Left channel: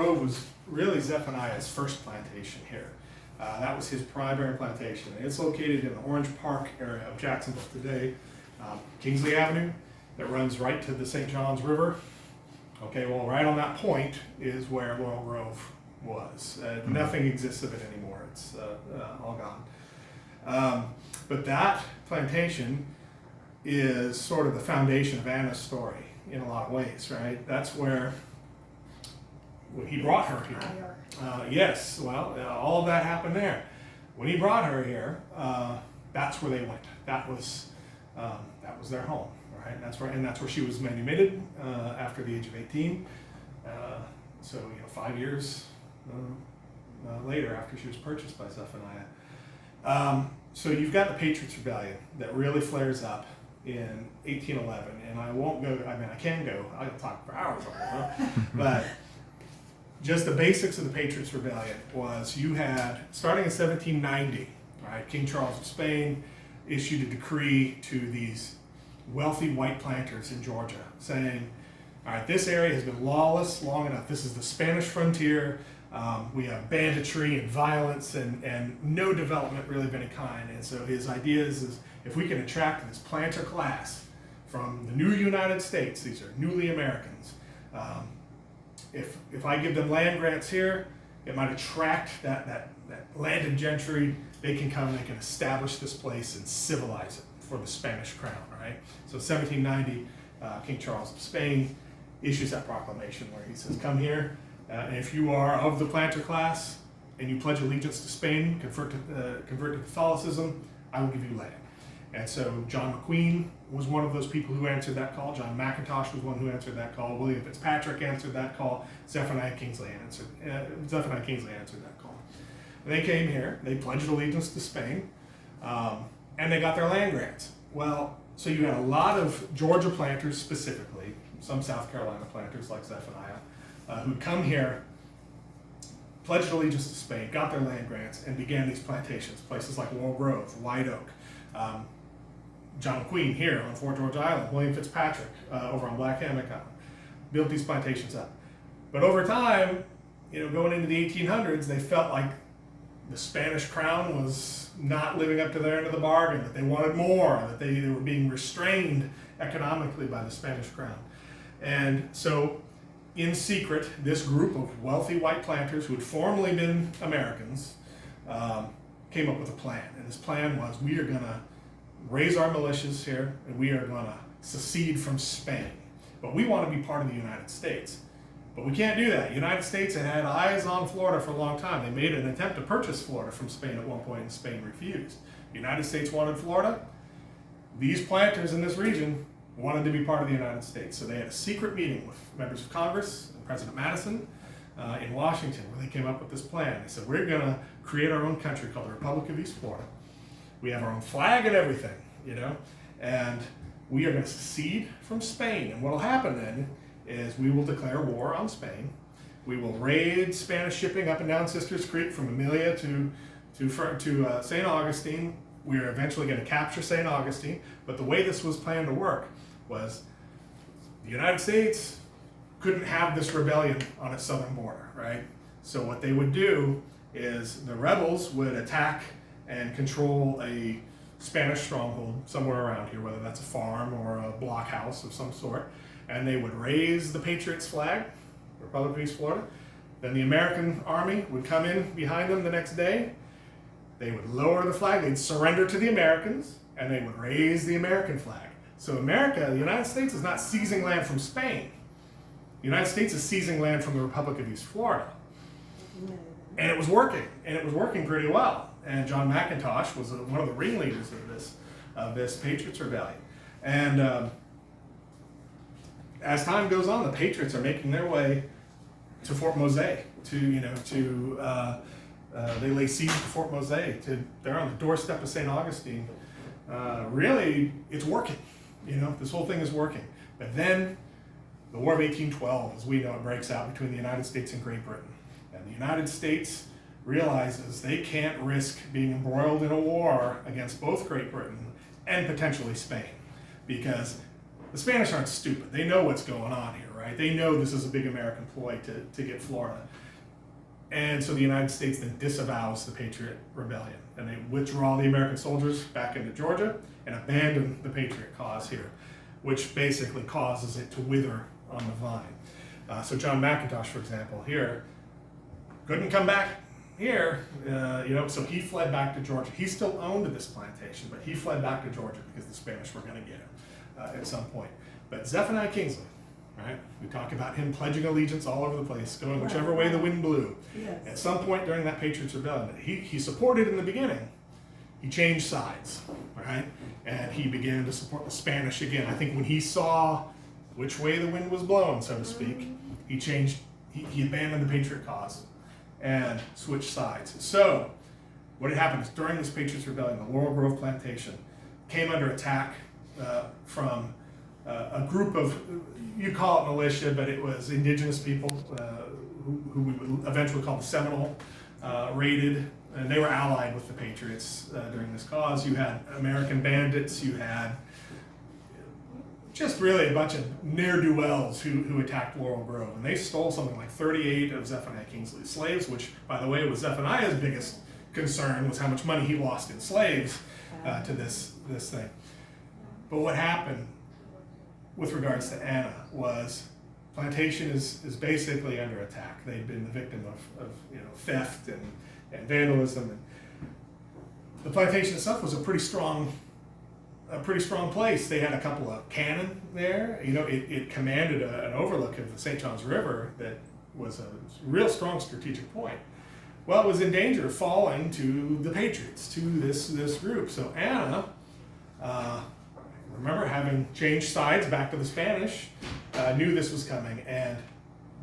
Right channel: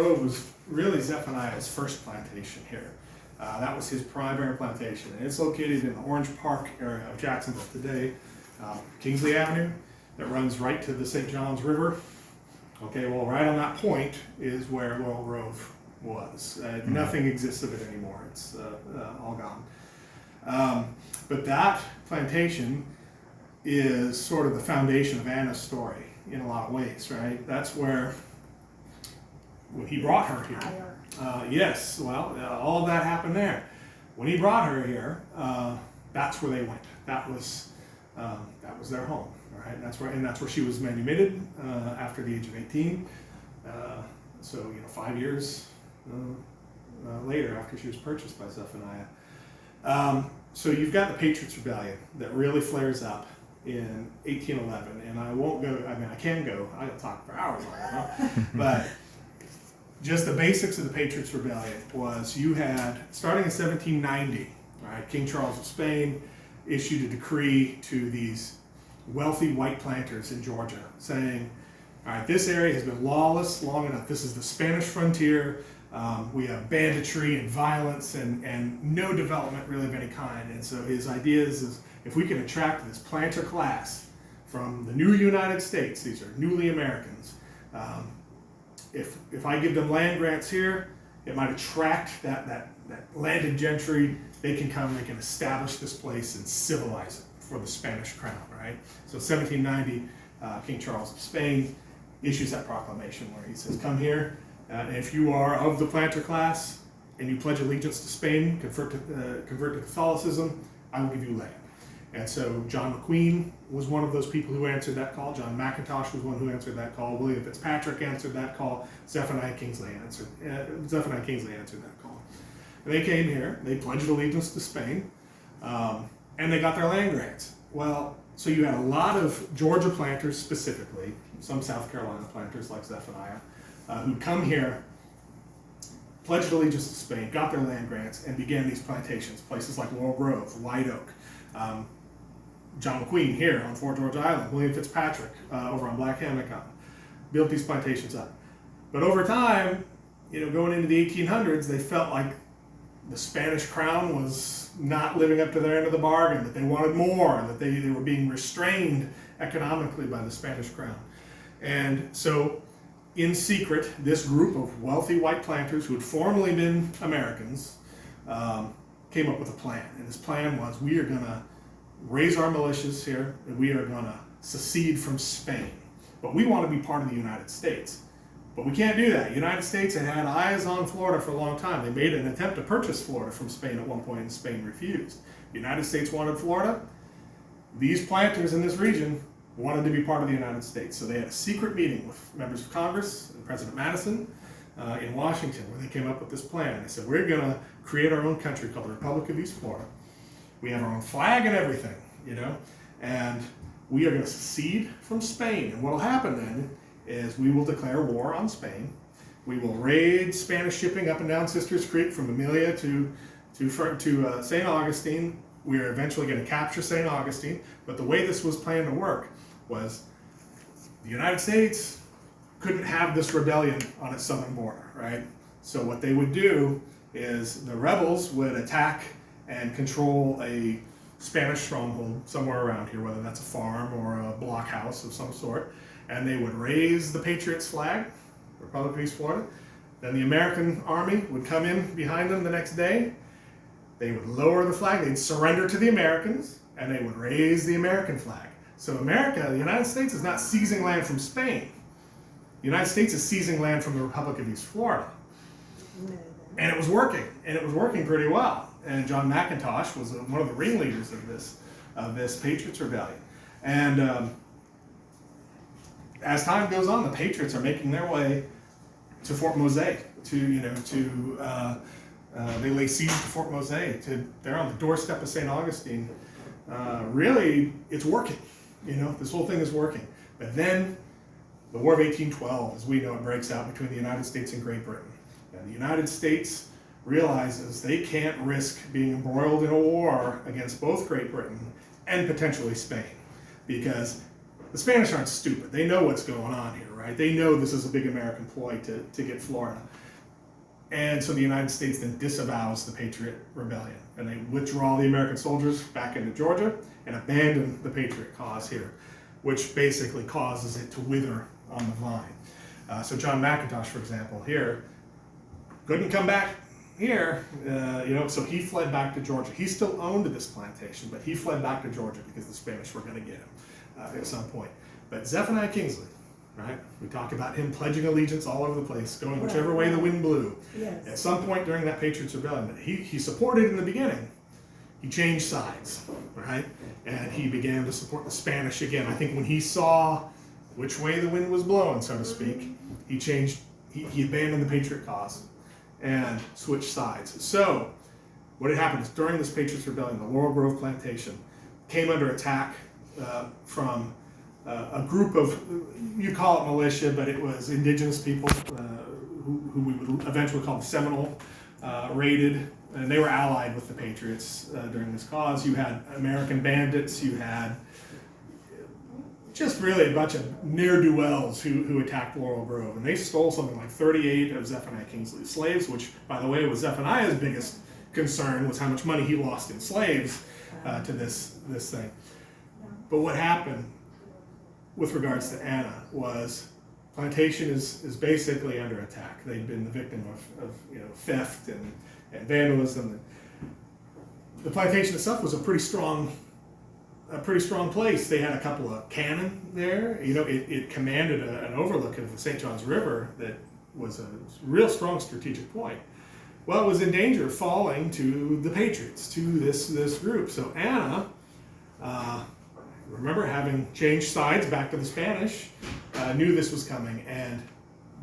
Grove was really Zephaniah's first plantation here. That was his primary plantation, and it's located in the Orange Park area of Jacksonville today. Kingsley Avenue that runs right to the St. Johns River. Okay, well, right on that point is where Royal Grove was. Nothing exists of it anymore. It's all gone. But that plantation is sort of the foundation of Anna's story in a lot of ways, right? That's where when he brought her here. Yes, well, all of that happened there. When he brought her here, that's where they went. That was their home, right? That's where she was manumitted after the age of 18. So 5 years later, after she was purchased by Zephaniah. So you've got the Patriots' Rebellion that really flares up in 1811, and I won't go. I mean, I can go. I can talk for hours on it, but. Just the basics of the Patriots' Rebellion was you had, starting in 1790, right, King Charles of Spain issued a decree to these wealthy white planters in Georgia saying, all right, this area has been lawless long enough. This is the Spanish frontier. We have banditry and violence and no development really of any kind. And so his idea is if we can attract this planter class from the new United States, these are newly Americans, if I give them land grants here, it might attract that landed gentry. They can come and they can establish this place and civilize it for the Spanish crown, right? So 1790, King Charles of Spain issues that proclamation where he says, come here, and if you are of the planter class and you pledge allegiance to Spain, convert to Catholicism, I will give you land. And so John McQueen was one of those people who answered that call. John McIntosh was one who answered that call. William Fitzpatrick answered that call. Zephaniah Kingsley answered that call. They came here. They pledged allegiance to Spain, and they got their land grants. Well, so you had a lot of Georgia planters specifically, some South Carolina planters like Zephaniah, who come here, pledged allegiance to Spain, got their land grants, and began these plantations. Places like Laurel Grove, White Oak. John McQueen here on Fort George Island, William Fitzpatrick over on Black Hammock Island, built these plantations up. But over time, going into the 1800s, they felt like the Spanish crown was not living up to their end of the bargain, that they wanted more, that they were being restrained economically by the Spanish crown. And so, in secret, this group of wealthy white planters who had formerly been Americans came up with a plan. And this plan was, we are going to raise our militias here, and we are going to secede from Spain. But we want to be part of the United States. But we can't do that. The United States had had eyes on Florida for a long time. They made an attempt to purchase Florida from Spain at one point, and Spain refused. The United States wanted Florida. These planters in this region wanted to be part of the United States. So they had a secret meeting with members of Congress and President Madison in Washington, where they came up with this plan. They said, we're going to create our own country called the Republic of East Florida. We have our own flag and everything, and we are going to secede from Spain. And what will happen then is we will declare war on Spain. We will raid Spanish shipping up and down Sisters Creek from Amelia to St. Augustine. We are eventually going to capture St. Augustine. But the way this was planned to work was the United States couldn't have this rebellion on its southern border, right? So what they would do is the rebels would attack and control a Spanish stronghold somewhere around here, whether that's a farm or a blockhouse of some sort, and they would raise the Patriots flag, Republic of East Florida. Then the American army would come in behind them the next day. They would lower the flag, they'd surrender to the Americans, and they would raise the American flag. So America, the United States, is not seizing land from Spain. The United States is seizing land from the Republic of East Florida. And it was working pretty well. And John McIntosh was one of the ringleaders of this Patriots Rebellion. And as time goes on, the Patriots are making their way to Fort Mose. They lay siege to Fort Mose. They're on the doorstep of St. Augustine. Really, it's working. This whole thing is working. But then the War of 1812, as we know, it breaks out between the United States and Great Britain. And the United States realizes they can't risk being embroiled in a war against both Great Britain and potentially Spain, because the Spanish aren't stupid. They know what's going on here, right? They know this is a big American ploy to get Florida. And so the United States then disavows the Patriot Rebellion, and they withdraw the American soldiers back into Georgia and abandon the Patriot cause here, which basically causes it to wither on the vine. So John McIntosh, for example, here, couldn't come back here, so he fled back to Georgia. He still owned this plantation, but he fled back to Georgia because the Spanish were going to get him at some point. But Zephaniah Kingsley, right? We talk about him pledging allegiance all over the place, going whichever way the wind blew. Yes. At some point during that Patriots Rebellion, he supported in the beginning. He changed sides, right? And he began to support the Spanish again. I think when he saw which way the wind was blowing, so to speak, he changed. He abandoned the Patriot cause and switched sides. So what had happened is during this Patriots Rebellion, the Laurel Grove Plantation came under attack from a group of, you call it militia, but it was indigenous people who we would eventually call the Seminole, raided, and they were allied with the Patriots during this cause. You had American bandits, you had just really a bunch of ne'er-do-wells who attacked Laurel Grove, and they stole something like 38 of Zephaniah Kingsley's slaves, which, by the way, was Zephaniah's biggest concern, was how much money he lost in slaves to this thing. But what happened with regards to Anna was plantation is basically under attack. They've been the victim of theft and vandalism. And the plantation itself was a pretty strong place. They had a couple of cannon there. It commanded an overlook of the St. Johns River that was a real strong strategic point. Well, it was in danger of falling to the Patriots, to this group. So Anna, remember, having changed sides back to the Spanish, knew this was coming and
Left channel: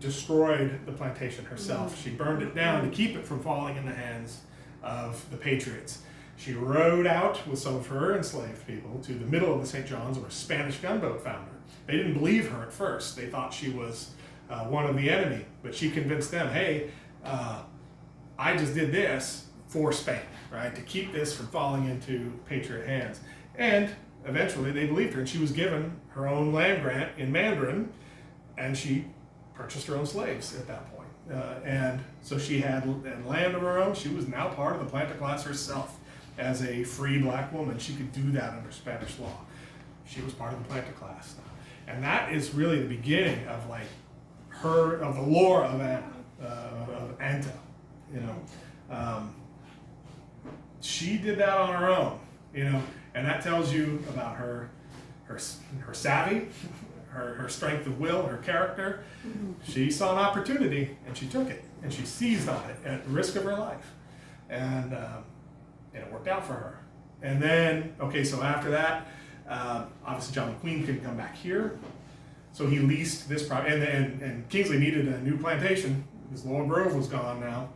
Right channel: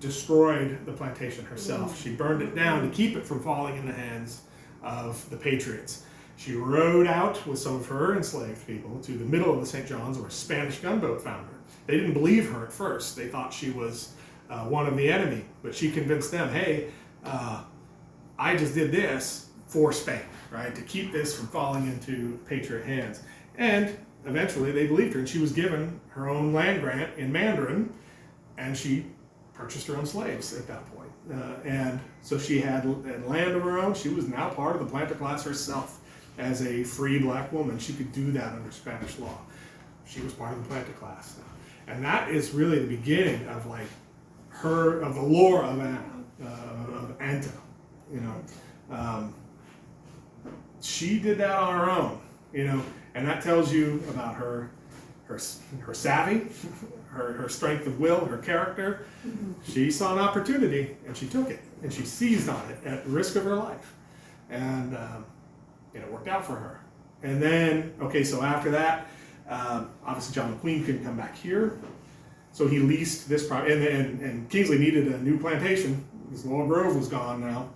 destroyed the plantation herself. She burned it down to keep it from falling in the hands of the Patriots. She rowed out with some of her enslaved people to the middle of the St. Johns, where a Spanish gunboat found her. They didn't believe her at first. They thought she was one of the enemy, but she convinced them, hey, I just did this for Spain, right, to keep this from falling into Patriot hands. And eventually they believed her, and she was given her own land grant in Mandarin, and she purchased her own slaves at that point. And so she had land of her own. She was now part of the planter class herself. As a free black woman, she could do that under Spanish law. She was part of the planter class now. And that is really the beginning of the lore of Anna, of Anta. She did that on her own, and that tells you about her savvy, her strength of will, her character. Mm-hmm. She saw an opportunity and she took it, and she seized on it at the risk of her life, and it worked out for her. And then, so after that, obviously John McQueen couldn't come back here, so he leased this property, and Kingsley needed a new plantation because Laurel Grove was gone now.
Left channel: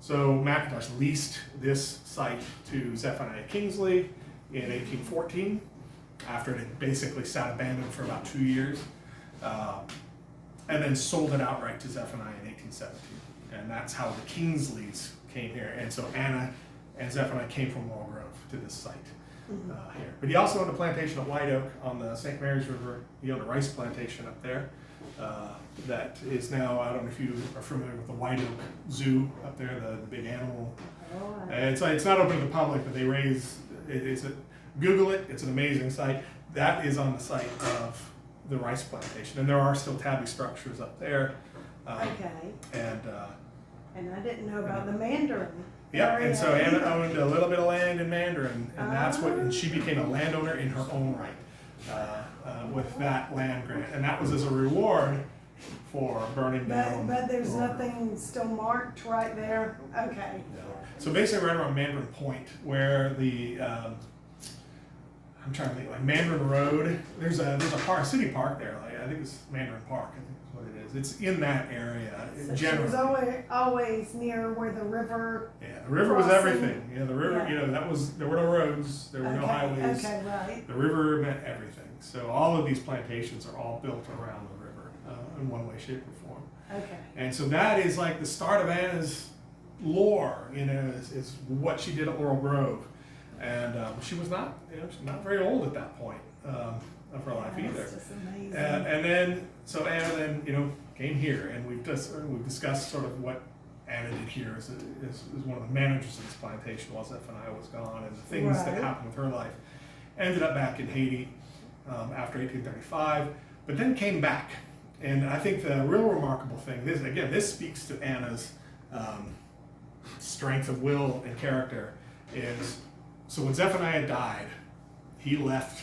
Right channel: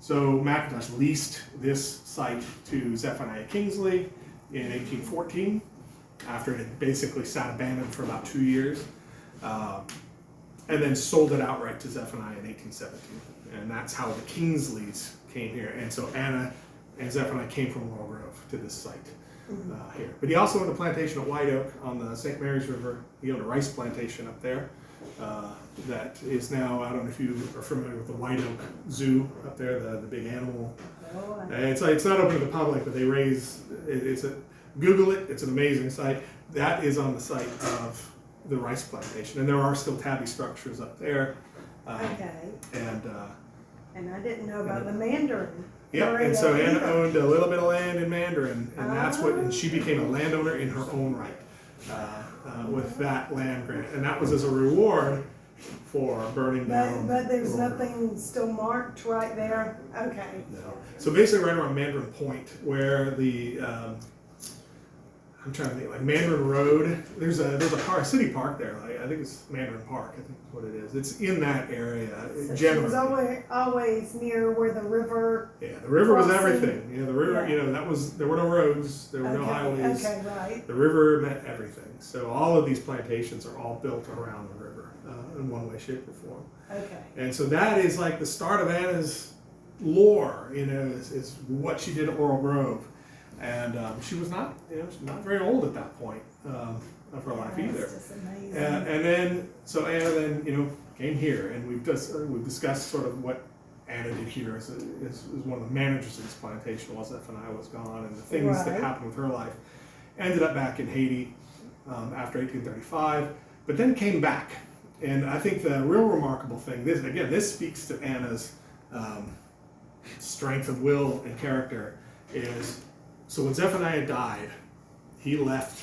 So McIntosh leased this site to Zephaniah Kingsley in 1814, after it had basically sat abandoned for about 2 years, and then sold it outright to Zephaniah in 1817. And that's how the Kingsleys came here. And so Anna and Zephaniah came from Laurel Grove to this site here. But he also owned a plantation at White Oak on the St. Mary's River. He owned a rice plantation up there that is now, I don't know if you are familiar with the White Oak Zoo up there, the big animal. It's not open to the public, but they raise, Google it, it's an amazing site. That is on the site of the rice plantation, and there are still tabby structures up there. And I didn't know about the Mandarin. Yeah, and so Anna owned a little bit of land in Mandarin, and she became a landowner in her own right with that land grant, and that was as a reward for burning down. But there's nothing still marked right there. Okay. No. So basically, right around Mandarin Point, where the I'm trying to think, like Mandarin Road. There's a park, city park there. I think it's Mandarin Park. I think is what it is. It's in that area. So she was always near where the river. Yeah, the river was crossing. Everything. The river. Yeah. There were no roads. There were no highways. Okay, right. The river meant everything. So all of these plantations are all built around the river in one way, shape, or form. Okay. And so that is like the start of Anna's lore. Is what she did at Laurel Grove. And she was not very old at that point. of her life Yeah, either. it's just amazing. And then, so Anna then, came here, and we've discussed sort of what Anna did here as one of the managers of this plantation while Zephaniah was gone, and the things that Right. happened with her life. Ended up back in Haiti after 1835, but then came back. And I think the real remarkable thing, this speaks to Anna's strength of will and character, is so when Zephaniah died, he left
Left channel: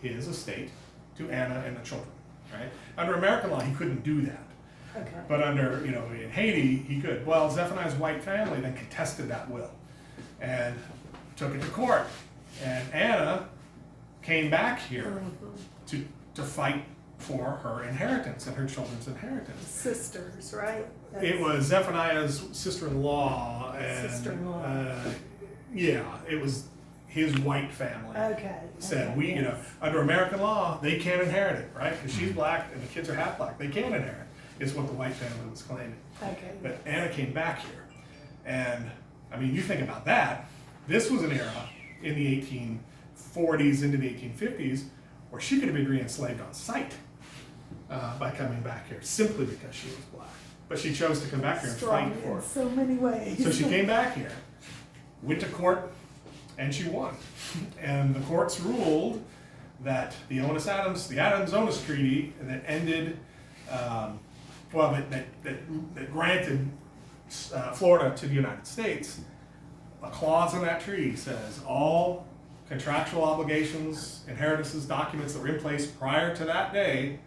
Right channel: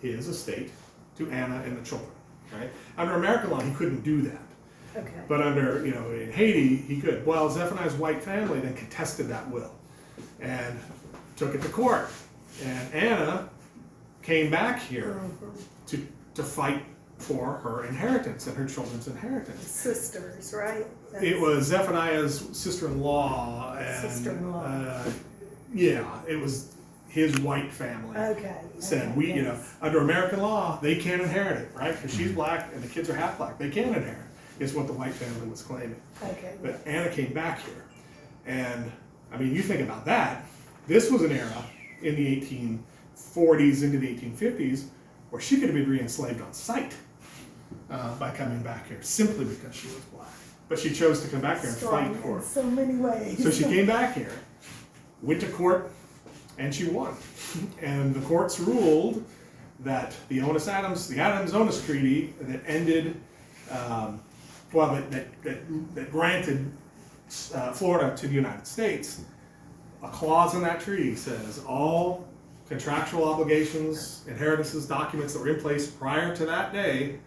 his estate to Anna and the children. Right? Under American law, he couldn't do that. Okay. But under, in Haiti, he could. Well, Zephaniah's white family then contested that will and took it to court. And Anna came back here to fight for her inheritance and her children's inheritance. Sisters, right? It was Zephaniah's sister-in-law. And, Sister-in-law. Yeah, it was his white family. Okay. Said, okay, yes. under American law, they can't inherit it, right? Because she's black and the kids are half black. They can't inherit, is what the white family was claiming. Okay. But Anna came back here. And, you think about that. This was an era in the 1840s into the 1850s where she could have been re-enslaved on sight by coming back here simply because she was black. But she chose to come back here and Strong fight for in it. so many ways. So she came back here, went to court, and she won. And the courts ruled that the Adams-Onis Treaty that ended, that granted Florida to the United States, a clause in that treaty says all contractual obligations, inheritances, documents that were in place prior to that day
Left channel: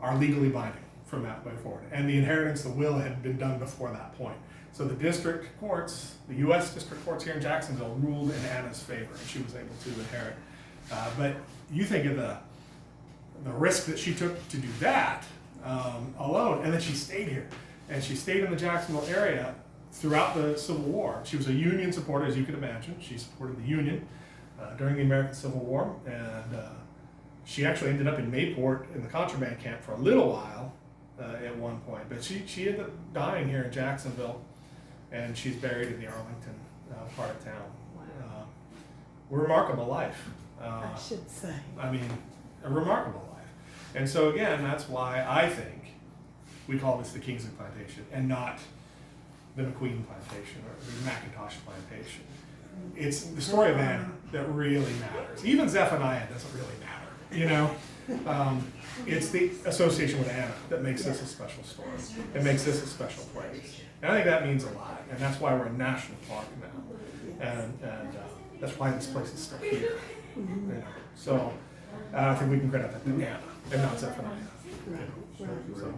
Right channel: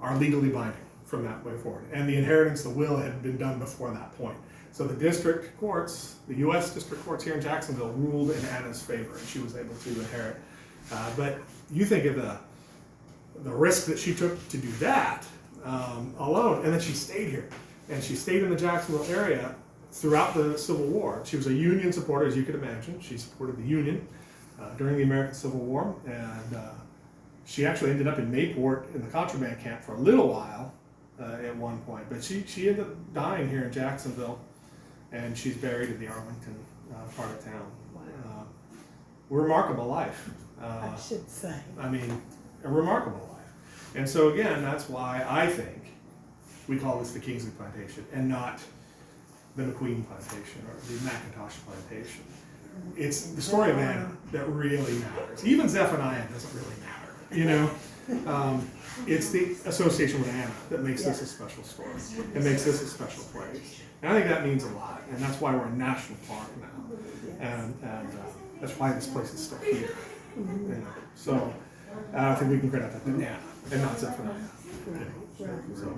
are legally binding from that way forward. And the inheritance, the will, had been done before that point. So the district courts, the U.S. district courts here in Jacksonville, ruled in Anna's favor, and she was able to inherit. But you think of the risk that she took to do that alone, and then she stayed here. And she stayed in the Jacksonville area throughout the Civil War. She was a Union supporter, as you could imagine. She supported the Union during the American Civil War, and she actually ended up in Mayport in the contraband camp for a little while at one point. But she ended up dying here in Jacksonville, and she's buried in the Arlington part of town. Wow. A remarkable life. I should say. A remarkable life. And so again, that's why I think we call this the Kingsley Plantation and not the McQueen Plantation or the McIntosh Plantation. It's the story of Anna that really matters. Even Zephaniah doesn't really matter, It's the association with Anna that makes this a special story. It makes this a special place. And I think that means a lot, and that's why we're a national park now. And that's why this place is still here. So I think we can credit that to Anna and not Zephaniah. Right, right. So.